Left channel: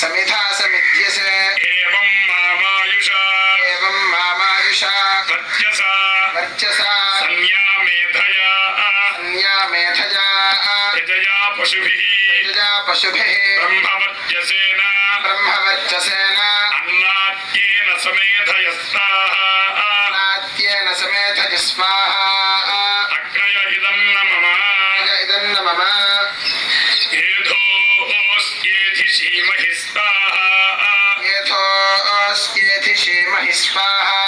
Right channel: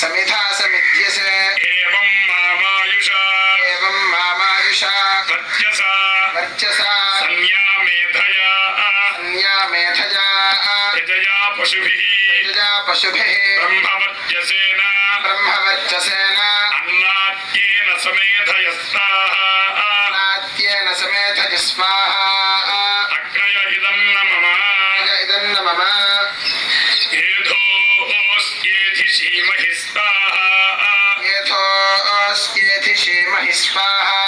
समिधा समिध्यसे एवं मामायुषा वर्चसा संज्ञा मेधया यजया पशुभिः ब्रह्मवर्चसेन अन्नाद्येन समेधयस्वाहा अग्नय इदं न मम येथोऽस्येधि श्रीमहि स्वाहा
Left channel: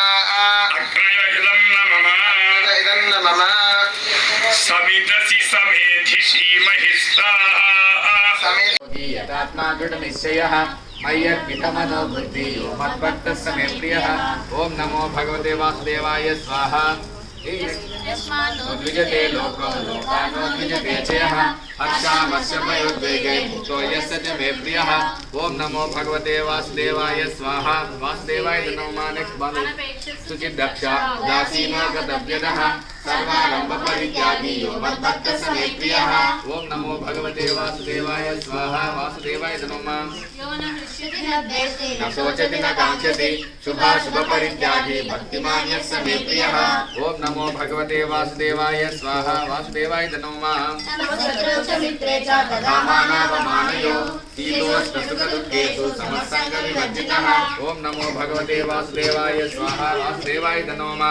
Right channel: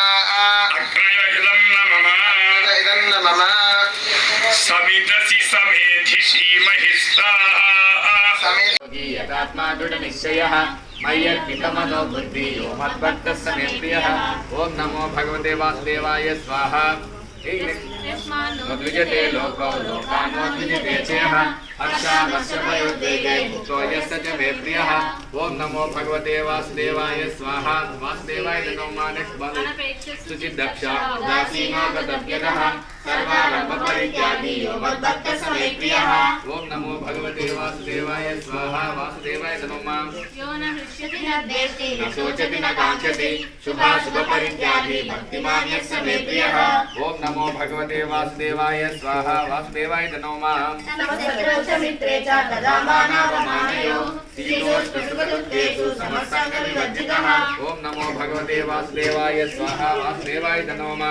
अग्नय इदं न मम समिदसि समेधि श्रीमहि स्वाहा यथात्मा दृढनिश्चयः मय्यर्पितमनो बुद्धि यो मद्भक्तः स मे प्रियः ॐ नमो भगवते वासुदेवाय स्वाहा द्विजते लोको लोकानोद्विजते चेह हर्षामस्य भयोद्वेगे मुक्तो यस्य च मे प्रियः ॐ नमो भगवते वासुदेवाय स्वाहा वासुदेवाय नमो नेक्स्ट वन सुचिदक्ष दासीनो गतव्यदः सर्वारम्भपरित्यागी यो मद्भक्तः स मे प्रियः ॐ नमो भगवते वासुदेवाय स्वाहा वासुदेवाय नमो न शोचति न काङ्क्षति शुभाशुभपरित्यागी भक्तिमान् यस्य मे प्रियः ॐ नमो भगवते वासुदेवाय स्वाहा वासुदेवाय नमो मित्रे च तदामानावमानयो शीतोष्णसुखदुःखेषु समस्सङ्गविवर्जितः ॐ नमो भगवते वासुदेवाय स्वाहा वासुदेवाय नमः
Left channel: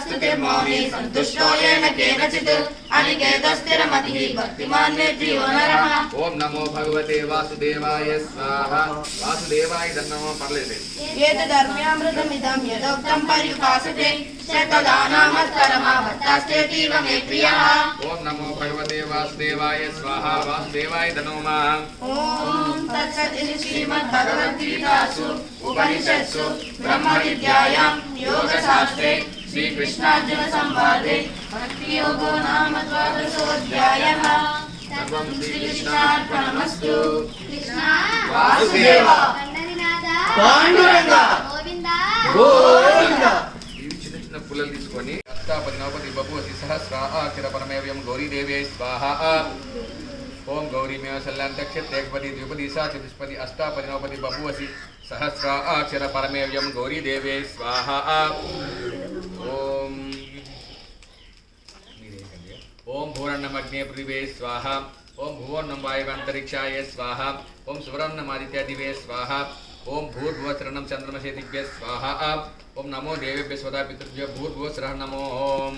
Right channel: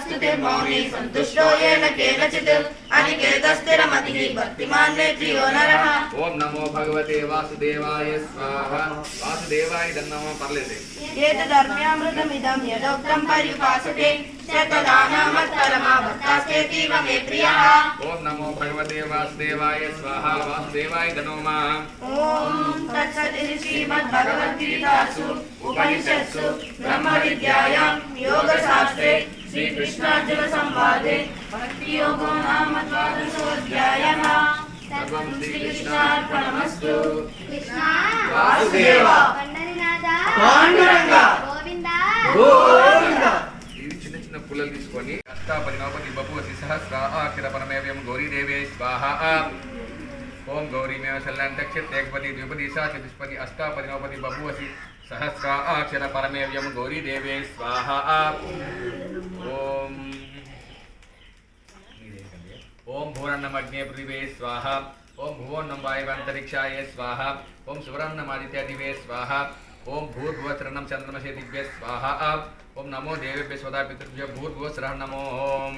स्तुतिर्मौनी सन्तुष्टो येन केनचित् अनिकेतस्थिरमतिः भक्तिमान् मे प्रियो नरः ॐ नमो भगवते वासुदेवाय स्वाहा वासुदेवाय नमः पर्लेते एतदर्म्यामृतमिदं यदोक्तं परिभासते शतदानामत्परमावर्तास्तेतीव मे प्रियः ॐ नमो भगवते वासुदेवाय स्वाहा वासुदेवाय नमः ॐ तत्सदिति श्रीमद्भगवद्गीतासु उपनिषत्सु ब्रह्मविद्यायां योगशास्त्रे श्रीकृष्णार्जुनसंवादे भक्तियोगो नाम द्वादशोऽध्यायः सर्वं श्रीकृष्णार्पणमस्तु वासुदेव पाण्डुरंग గోవింద చిన్న చిన్న పుల్లలు తీసుకొని అష్టాపది నవపది బభువతి సహస్రాక్షర పరమేవ్యం గౌరీదేవే స్వాహ ఓం గౌరీమేవ శల్యాంతక్షత్ ఏకపది ద్విపది సా చతుష్పది అష్టాపది నవపది బభువసి సహస్రాక్షర పరమేవ్యం గౌరీదేవే స్వాహ ఓం ఓం భూరన్నమగ్నే పృథివే స్వాహ ఓం భువన్నం వాయువంతరిక్షాయ స్వాహ ఓం సువర్ణమాదిత్య దివే స్వాహ ओम भूर्भुवस्रणं चंद्रमसे दिव्य स्वाहा ओम नमो देवेभ्य स्वदा पितृभ्य भूर्भुवस्रः नमो ओम।